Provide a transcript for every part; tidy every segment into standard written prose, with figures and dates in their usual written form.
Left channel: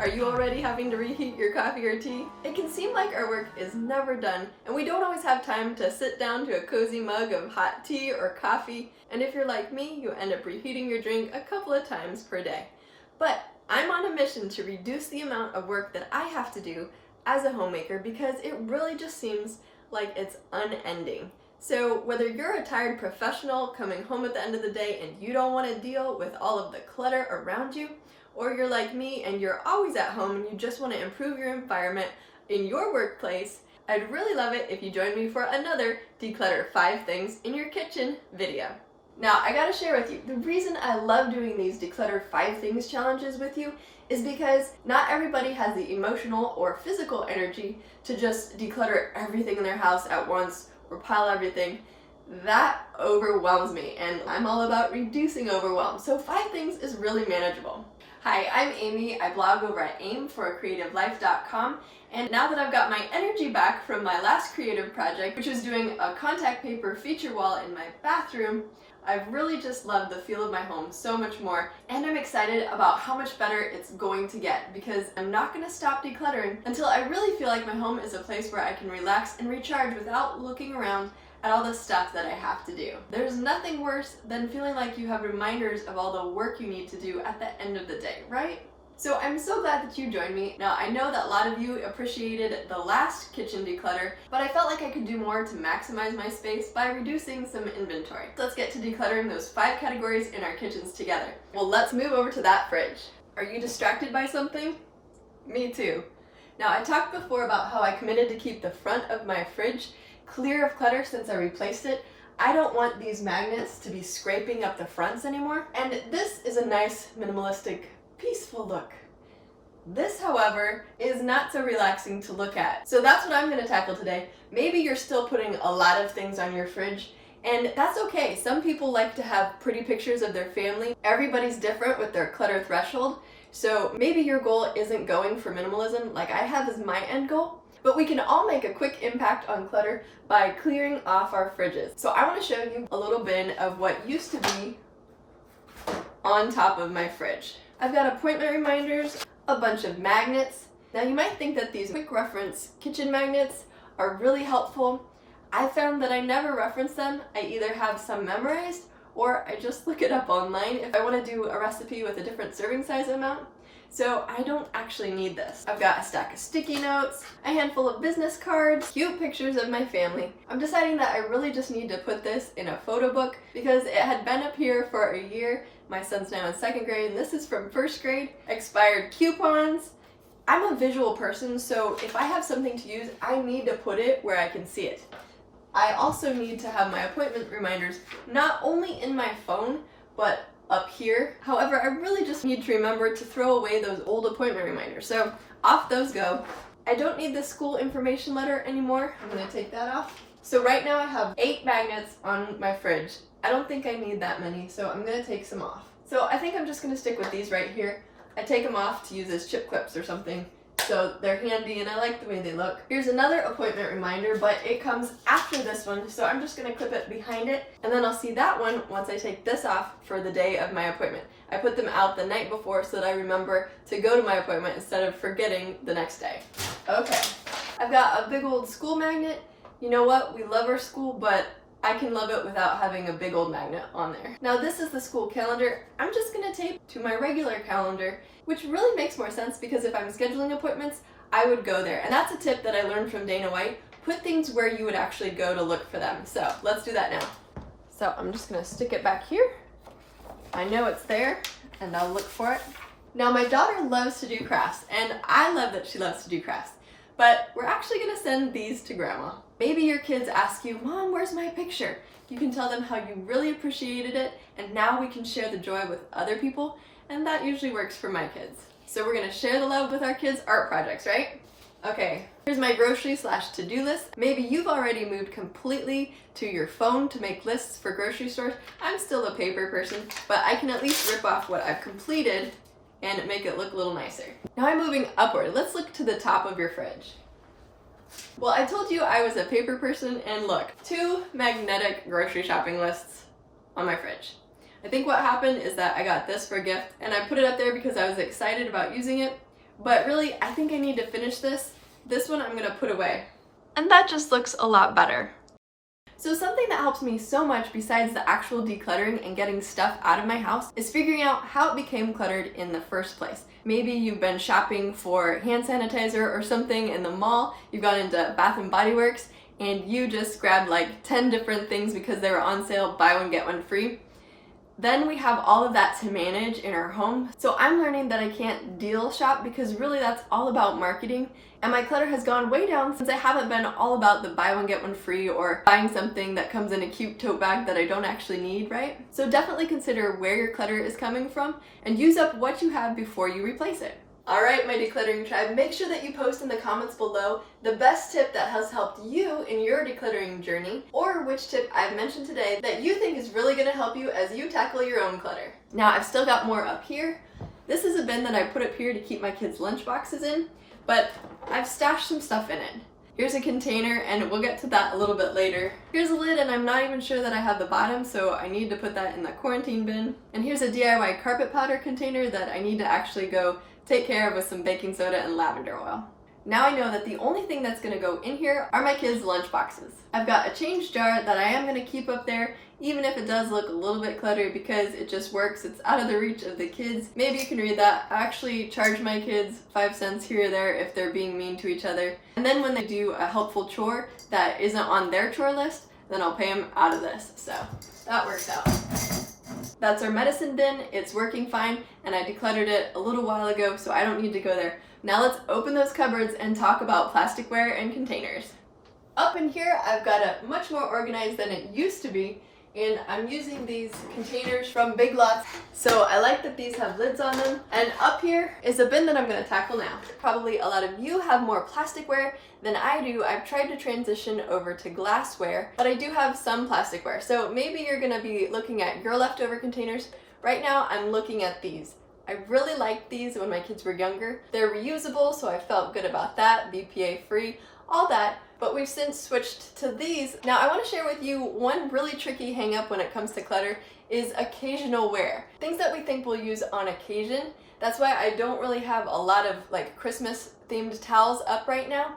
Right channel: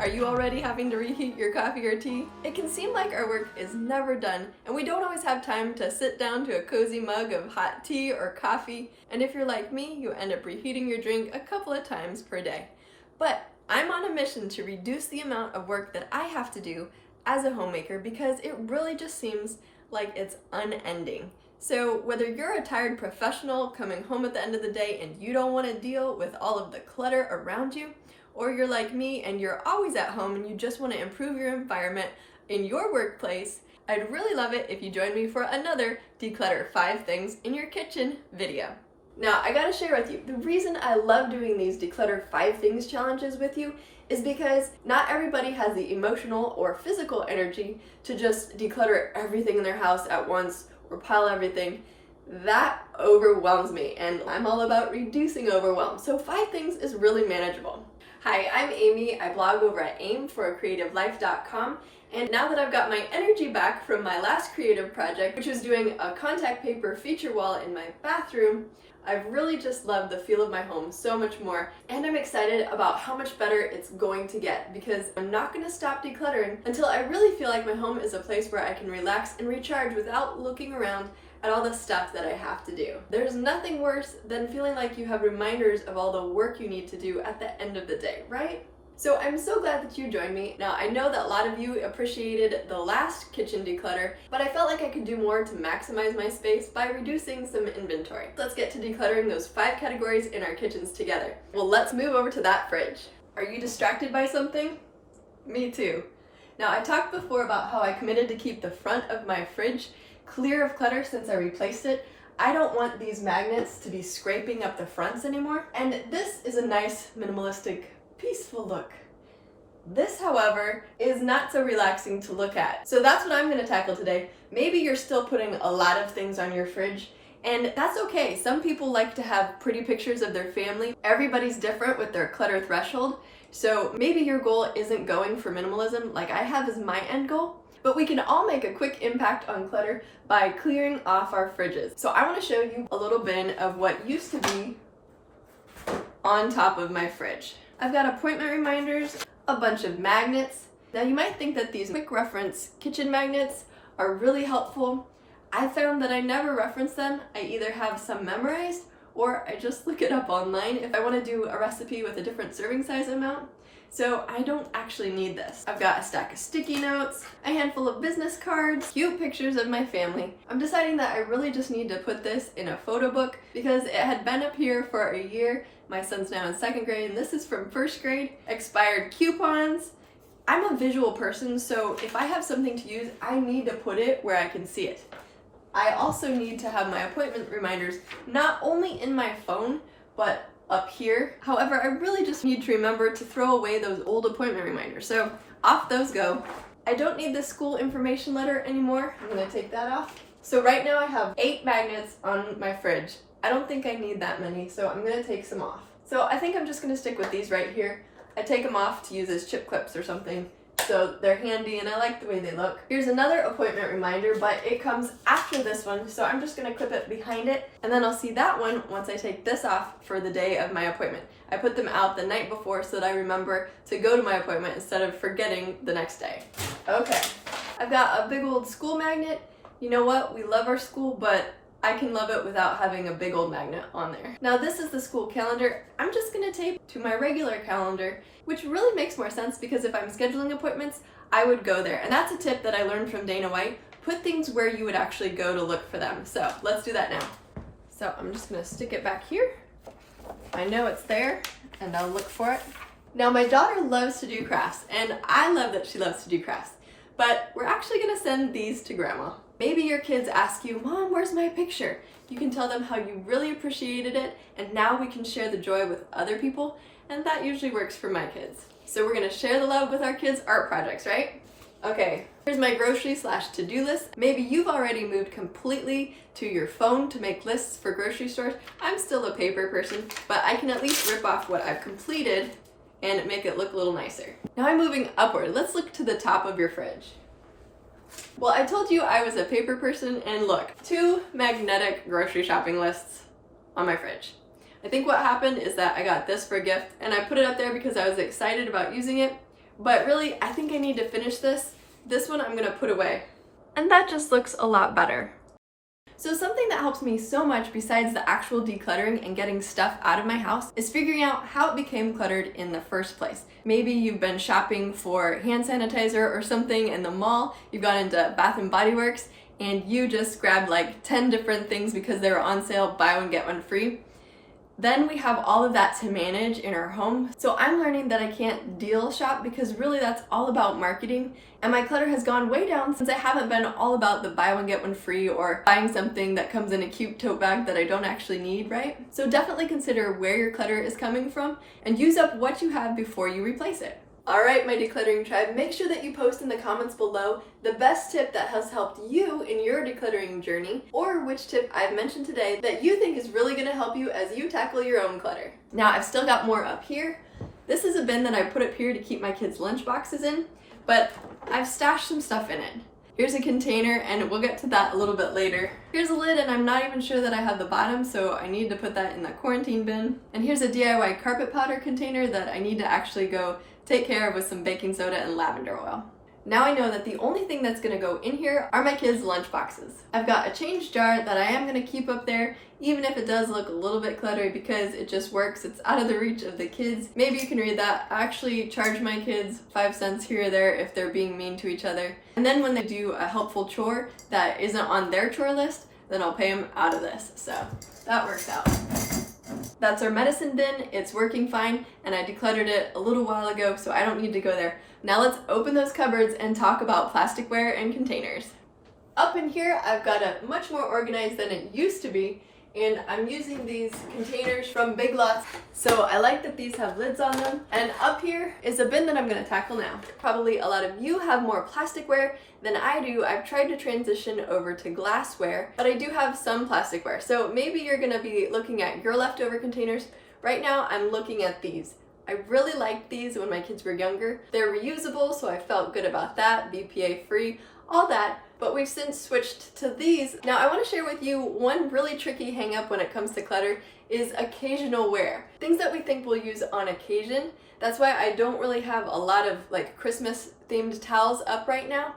Are you already having to reheat your coffee or tea? It can seem like our work is never done, and we don't always have time to sit down to a cozy mug of hot tea or coffee, and if you're like me, you end up reheating your drink a couple of times per day. But I'm on a mission to reduce the amount of work that I have to do as a homemaker because it really just seems like it's unending. So whether you're a tired professional coming home at the end of the day and you don't want to deal with all of the clutter around you, or you're like me and you're always at home and you just want to improve your environment in your workplace, I'd really love it if you join me for another Declutter 5 Things in Your Kitchen video. Now, I gotta share with you, the reason I love doing these Declutter 5 Things challenges with you is because not everybody has the emotional or physical energy to just declutter everything in their house at once or pile everything. That overwhelms me, and I'm all about reducing overwhelm, so 5 things is really manageable. Hi, I'm Amy. I blog over at aimforacreativelife.com, and now that I've got my energy back from my last creative project, which was doing a contact paper feature wall in my bathroom, I've really just loved the feel of my home so much more, and I'm excited about how much better it's going to get because I'm not going to stop decluttering until I really feel like my home is a place where I can relax and recharge without looking around at all the stuff that I have to do. There's nothing worse than feeling like you have reminders of all the work you need to do at the end of the day, right? So I'm so glad that you joined me. Now, I know that a lot of you appreciated the last kitchen declutter, but I felt like I could do more to maximize my space by reducing some inventory. Let's get to decluttering those 5 categories in our kitchens together. Well, let's move over to that fridge. Are you distracted by something? Me too. Now, I talked before about how I committed to keep the front of my fridge clear of clutter since I replaced it. I don't want these magnets to be scraping up the fronts anymore. And this is a nice, minimalistic, peaceful look. This, however, is not so relaxing to look at. So that's what I'm going to tackle today. Maybe you're still putting a lot of things on your fridge, and that's okay. Some people like to have pretty pictures of their family. Everybody's different with their clutter threshold. So maybe your goal isn't going for minimalism like I have as my end goal, but we can all make a quick impact on clutter by clearing off our fridges. So I want to show you a little bin of what used to be on top of my fridge. I've got appointment reminders, a bunch of magnets. Now you might think that these quick reference kitchen magnets are really helpful. I found that I never reference them. I either have some memorized or I just look it up online if I want to do a recipe with a different serving size amount. So I don't actually need this. I've got a stack of sticky notes, a handful of business cards, cute pictures of my family. I'm deciding that I really just need to put this in a photo book because it had been up here for a year. My son's now in 2nd grade and this is from 1st grade. Expired coupons. I'm a visual person, so if I have something to use, I need to put it where I can see it. I also need to have my appointment reminders not only in my phone, but up here. However, I really just need to remember to throw away those old appointment reminders. So off those go. I don't need the school information letter anymore. I'm gonna take that off. So right now I have 8 magnets on my fridge. I don't think I need that many, so I'm gonna take some off. So I think I'm just gonna stick with these right here. I take them off to use as chip clips or something. So they're handy and I like the way they look. Here's another appointment reminder, but it comes after this one, so I'm just gonna clip it behind it, and then I'll see that one once I take this off for the day of my appointment. I put them out the night before so that I remember to go to my appointment instead of forgetting the next day. Okay, I've got a big old school magnet. You know what? We love our school, but I can love it without having a big old magnet on there. Now this is the school calendar. I'm just gonna tape to my regular calendar, which really makes more sense because if I'm scheduling appointments, I would go there. And that's a tip that I learned from Dana White. Put things where you would actually go to look for them. So let's do that now. So I'm just gonna stick it back here. I know it's there and I'll look for it. Now my daughter loves to do crafts and I love that she loves to do crafts, but we're actually gonna send these to Grandma. Maybe your kids ask you, Mom, where's my picture? You can tell them how you really appreciated it, and now we can share the joy with other people, and that usually works for my kids. So we're gonna share the love with our kids' art projects, right? Okay, here's my grocery/to-do list. Maybe you've already moved completely to your phone to make lists for grocery stores. I'm still a paper person, but I can at least rip off what I've completed and make it look a little nicer. Now I'm moving upward. Let's look to the top of your fridge. Well, I told you I was a paper person, and look, 2 magnetic grocery shopping lists on my fridge. I think what happened is that I got this for a gift, and I put it up there because I was excited about using it, but really I think I need to finish this. This one I'm gonna put away. And that just looks a lot better. So something that helps me so much besides the actual decluttering and getting stuff out of my house is figuring out how it became cluttered in the first place. Maybe you've been shopping for hand sanitizer or something in the mall, you've gone into Bath and Body Works, and you just grabbed like 10 different things because they were on sale, buy one get one free. Then we have all of that to manage in our home. So I'm learning that I can't deal shop because really that's all about marketing. And my clutter has gone way down since I haven't been all about the buy one get one free or buying something that comes in a cute tote bag that I don't actually need, right? So definitely consider where your clutter is coming from and use up what you have before you replace it. All right, my decluttering tribe, make sure that you post in the comments below the best tip that has helped you in your decluttering journey, or which tip I've mentioned today that you think is really gonna help you as you tackle your own clutter. Now, I've still got more up here. This is a bin that I put up here to keep my kids' lunch boxes in, but I've stashed some stuff in it. Here's a container, and we'll get to that a little bit later. Here's a lid, and I'm not even sure that I have the bottom, so I need to put that in the quarantine bin. And here's a DIY carpet powder container that I need to actually go take care of with some baking soda and lavender oil. Now I know that the only thing that's gonna go in here are my kids' lunch boxes. I've got a change jar that I am gonna keep up there, even if it does look a little bit cluttered because it just works. It's out of the reach of the kids. Maybe you can read that. I actually charge my kids 5 cents here or there if they're being mean to each other. And then when they do a helpful chore that isn't on their chore list, then I'll pay them out of this. So that works out. That's our medicine bin. It's working fine, and I decluttered it a little while ago, so I don't need to go there. Now let's open those cupboards and talk about plasticware and containers. Up in here, I've got it much more organized than it used to be, and I'm using these containers from Big Lots. So I like that these have lids on them. And up here is a bin that I'm gonna tackle now. Probably a lot of you have more plasticware than I do. I've tried to transition over to glassware, but I do have some plasticware. So maybe you're gonna be looking at your leftover containers. Right now, I'm looking at these. I really liked these when my kids were younger. They're reusable, so I felt good about that, BPA free, all that. But we've since switched to these. Now I want to share with you one really tricky hang up when it comes to clutter is occasional wear. Things that we think we'll use on occasion. That's why I don't really have a lot of like Christmas themed towels up right now.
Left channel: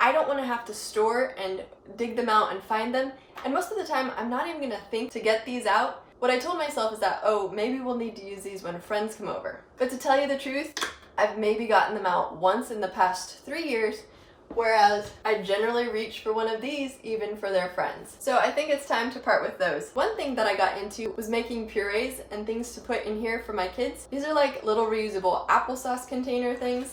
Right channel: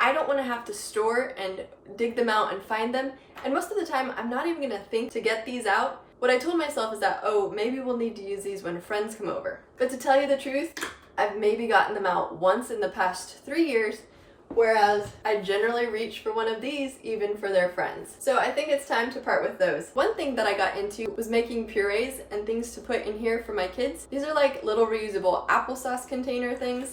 I don't want to have to store and dig them out and find them. And most of the time I'm not even going to think to get these out. What I told myself is that, oh, maybe we'll need to use these when friends come over. But to tell you the truth, I've maybe gotten them out once in the past 3 years, whereas I generally reach for one of these even for their friends. So I think it's time to part with those. One thing that I got into was making purees and things to put in here for my kids. These are like little reusable applesauce container things,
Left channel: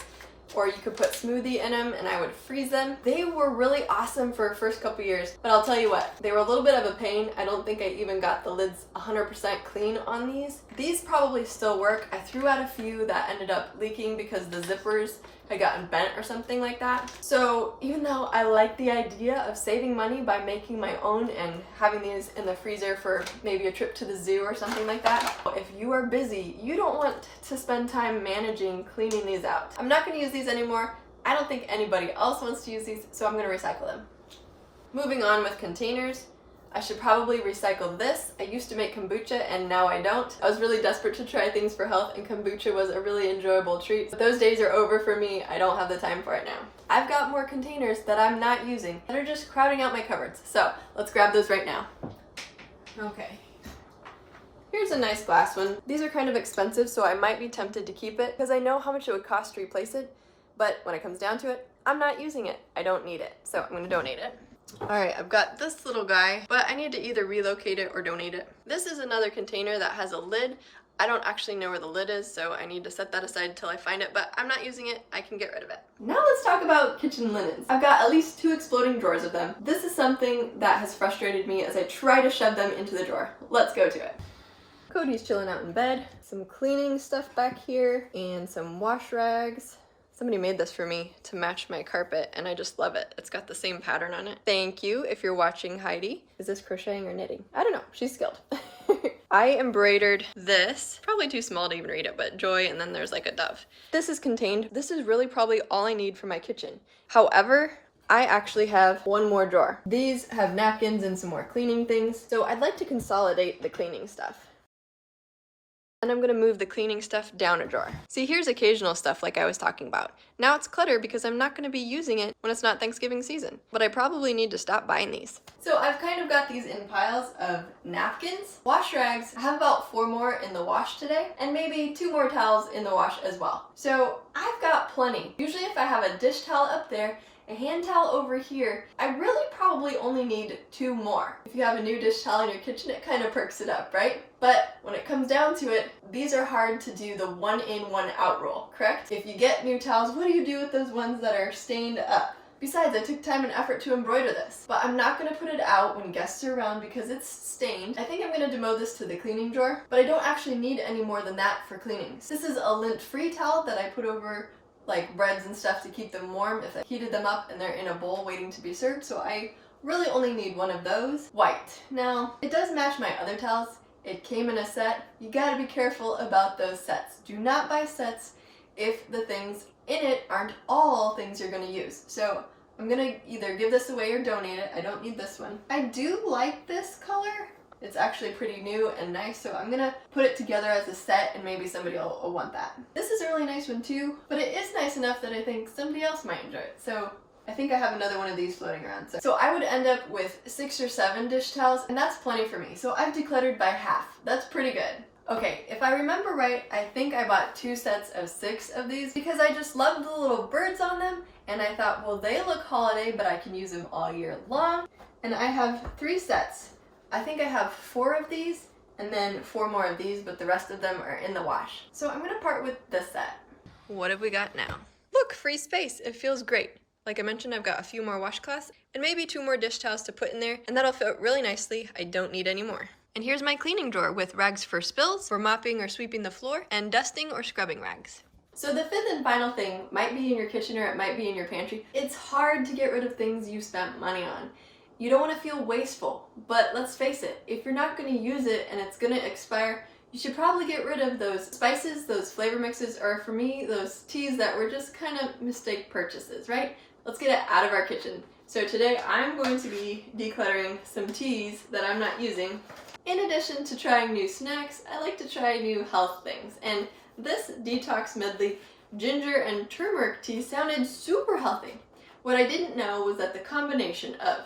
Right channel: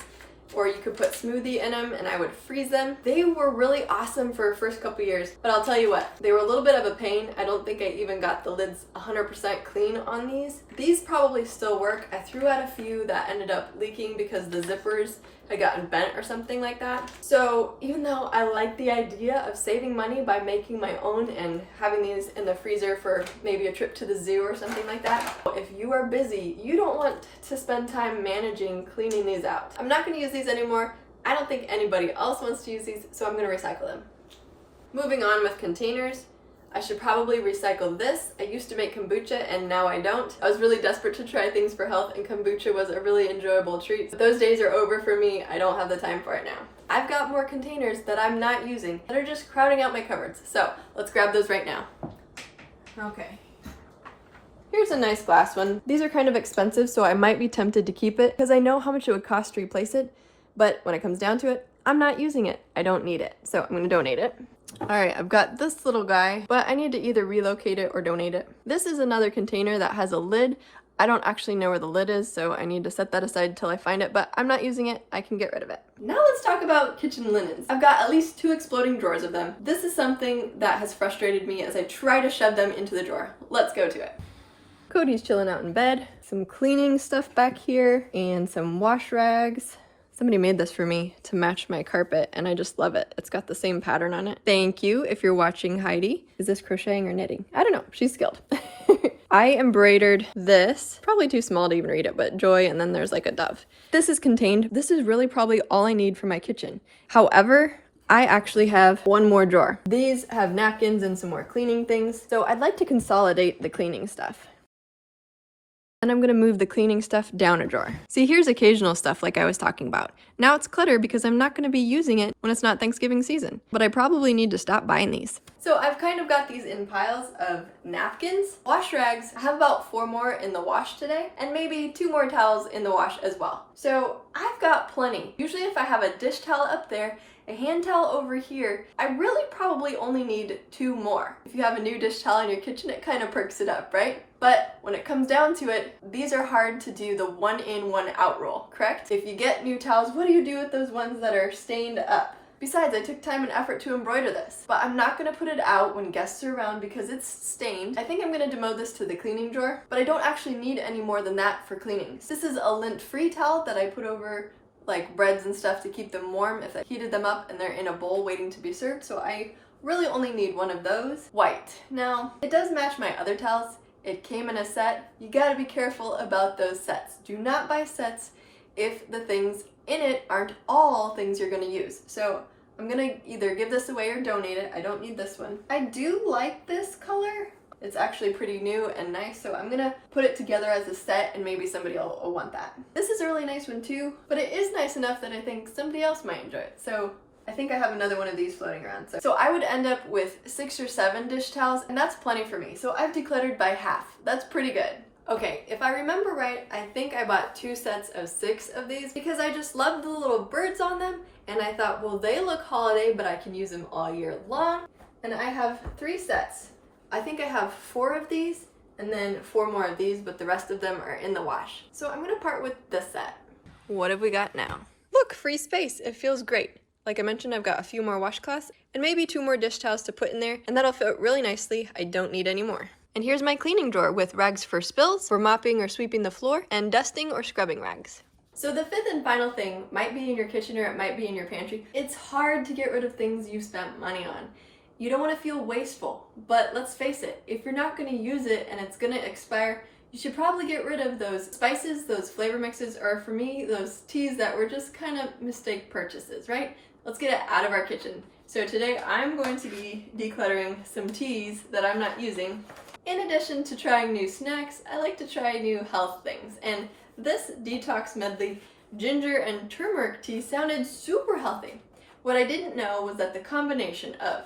or you could put smoothie in them and I would freeze them. They were really awesome for the first couple years, but I'll tell you what, they were a little bit of a pain. I don't think I even got the lids 100% clean on these. These probably still work. I threw out a few that ended up leaking because the zippers had gotten bent or something like that. So even though I like the idea of saving money by making my own and having these in the freezer for maybe a trip to the zoo or something like that, if you are busy, you don't want to spend time managing cleaning these out. I'm not gonna use these anymore. I don't think anybody else wants to use these, so I'm gonna recycle them. Moving on with containers, I should probably recycle this. I used to make kombucha and now I don't. I was really desperate to try things for health and kombucha was a really enjoyable treat. But those days are over for me. I don't have the time for it now. I've got more containers that I'm not using that are just crowding out my cupboards. So let's grab those right now. Okay. Here's a nice glass one. These are kind of expensive, so I might be tempted to keep it because I know how much it would cost to replace it. But when it comes down to it, I'm not using it. I don't need it, so I'm gonna donate it. All right, I've got this little guy, but I need to either relocate it or donate it. This is another container that has a lid. I don't actually know where the lid is, so I need to set that aside until I find it, but I'm not using it. I can get rid of it. Now let's talk about kitchen linens. I've got at least 2 exploding drawers of them. This is something that has frustrated me as I try to shove them into the drawer. Let's go to it. Cody's chilling out in bed. Some cleaning stuff back here and some wash rags. Somebody made this for me to match my carpet and I just love it. It's got the same pattern on it. Thank you if you're watching, Heidi. Is this crocheting or knitting? I don't know, she's skilled. I embroidered this, probably too small to even read it, but joy, and then there's like a dove. This is contained. This is really probably all I need for my kitchen. However, I actually have one more drawer. These have napkins and some more cleaning things, so I'd like to consolidate the cleaning stuff. and I'm gonna move the cleaning stuff down a drawer. See, here's occasional stuff like I was talking about. Now it's clutter because I'm not gonna be using it when it's not Thanksgiving season, but I probably need to stop buying these. So I've kind of got these in piles of napkins, wash rags. I have about 4 more in the wash today, and maybe 2 more towels in the wash as well. So I've got plenty. Usually if I have a dish towel up there, a hand towel over here, I really probably only need 2 more. If you have a new dish towel in your kitchen, it kind of perks it up, right? But when it comes down to it, these are hard to do the 1 in, 1 out rule, correct? If you get new towels, what do you do with those ones that are stained up? Besides, I took time and effort to embroider this, but I'm not gonna put it out when guests are around because it's stained. I think I'm gonna demote this to the cleaning drawer, but I don't actually need any more than that for cleaning. This is a lint-free towel that I put over like breads and stuff to keep them warm if I heated them up and they're in a bowl waiting to be served, so I really only need 1 of those. White. Now, it does match my other towels. It came in a set. You gotta be careful about those sets. Do not buy sets if the things in it aren't all things you're gonna use. So I'm gonna either give this away or donate it. I don't need this one. I do like this color. It's actually pretty new and nice, so I'm gonna put it together as a set and maybe somebody will want that. This is a really nice one too, but it is nice enough that I think somebody else might enjoy it. So I think I have another one of these floating around. So I would end up with 6 or 7 dish towels, and that's plenty for me. So I've decluttered by half. That's pretty good. Okay, if I remember right, I think I bought 2 sets of 6 of these because I just love the little birds on them, and I thought, well, they look holiday, but I can use them all year long. And I have 3 sets. I think I have 4 of these and then 4 more of these, but the rest of them are in the wash. So I'm gonna part with this set. What have we got now? Look, free space. It feels great. Like I mentioned, I've got a few more washcloths and maybe 2 more dish towels to put in there, and that'll fit really nicely. I don't need any more. And here's my cleaning drawer with rags for spills, for mopping or sweeping the floor, and dusting or scrubbing rags. So the 5th and final thing might be in your kitchen or it might be in your pantry. It's hard to get rid of things you spent money on. You don't want to feel wasteful, but let's face it, if you're not going to use it and it's going to expire, you should probably get rid of those spices, those flavor mixes, or for me, those teas that were just kind of mistake purchases, right? Let's get it out of our kitchen. So today I'm going to be decluttering some teas that I'm not using. In addition to trying new snacks, I like to try new health things, and this detox medley ginger and turmeric tea sounded super healthy. What I didn't know was that the combination of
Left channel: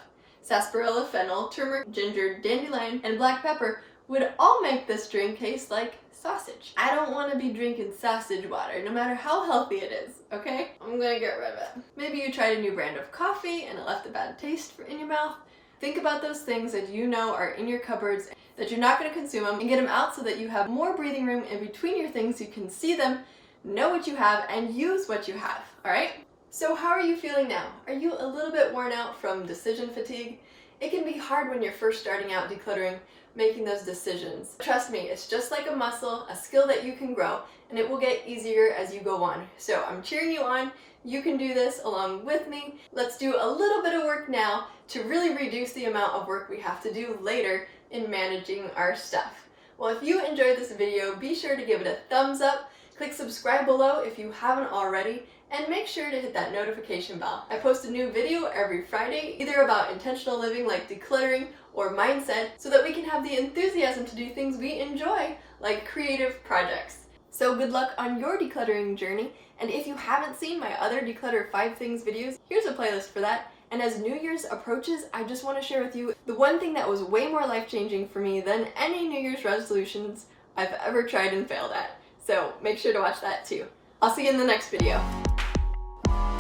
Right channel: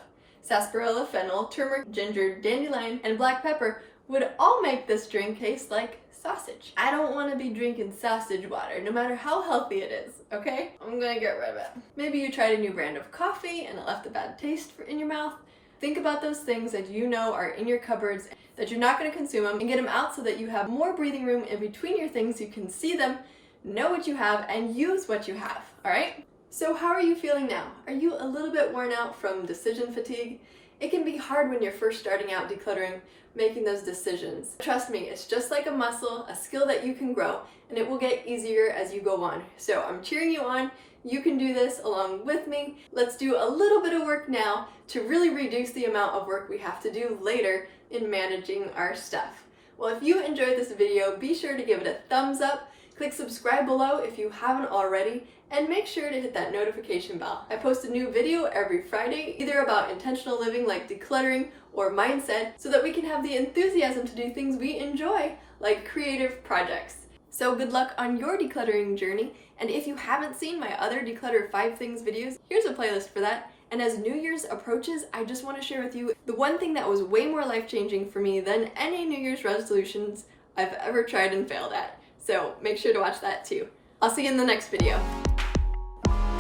sarsaparilla, fennel, turmeric, ginger, dandelion, and black pepper would all make this drink taste like sausage. I don't want to be drinking sausage water, no matter how healthy it is, okay? I'm gonna get rid of it. Maybe you tried a new brand of coffee and it left a bad taste in your mouth. Think about those things that you know are in your cupboards, that you're not gonna consume them, and get them out so that you have more breathing room in between your things. You can see them, know what you have, and use what you have, all right? So how are you feeling now? Are you a little bit worn out from decision fatigue? It can be hard when you're first starting out decluttering, making those decisions. Trust me, it's just like a muscle, a skill that you can grow, and it will get easier as you go on. So I'm cheering you on. You can do this along with me. Let's do a little bit of work now to really reduce the amount of work we have to do later in managing our stuff. Well, if you enjoyed this video, be sure to give it a thumbs up, click subscribe below if you haven't already, and make sure to hit that notification bell. I post a new video every Friday, either about intentional living like decluttering or mindset, so that we can have the enthusiasm to do things we enjoy, like creative projects. So good luck on your decluttering journey, and if you haven't seen my other Declutter 5 Things videos, here's a playlist for that. And as New Year's approaches, I just want to share with you the one thing that was way more life-changing for me than any New Year's resolutions I've ever tried and failed at. So make sure to watch that too. I'll see you in the next video.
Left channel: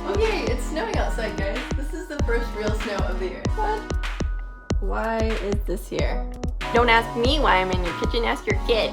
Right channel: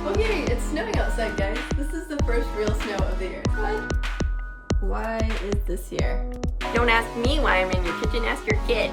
Okay, it's snowing outside, guys. This is the first real snow of the year. What? Why is this here? Don't ask me why I'm in your kitchen, ask your kid.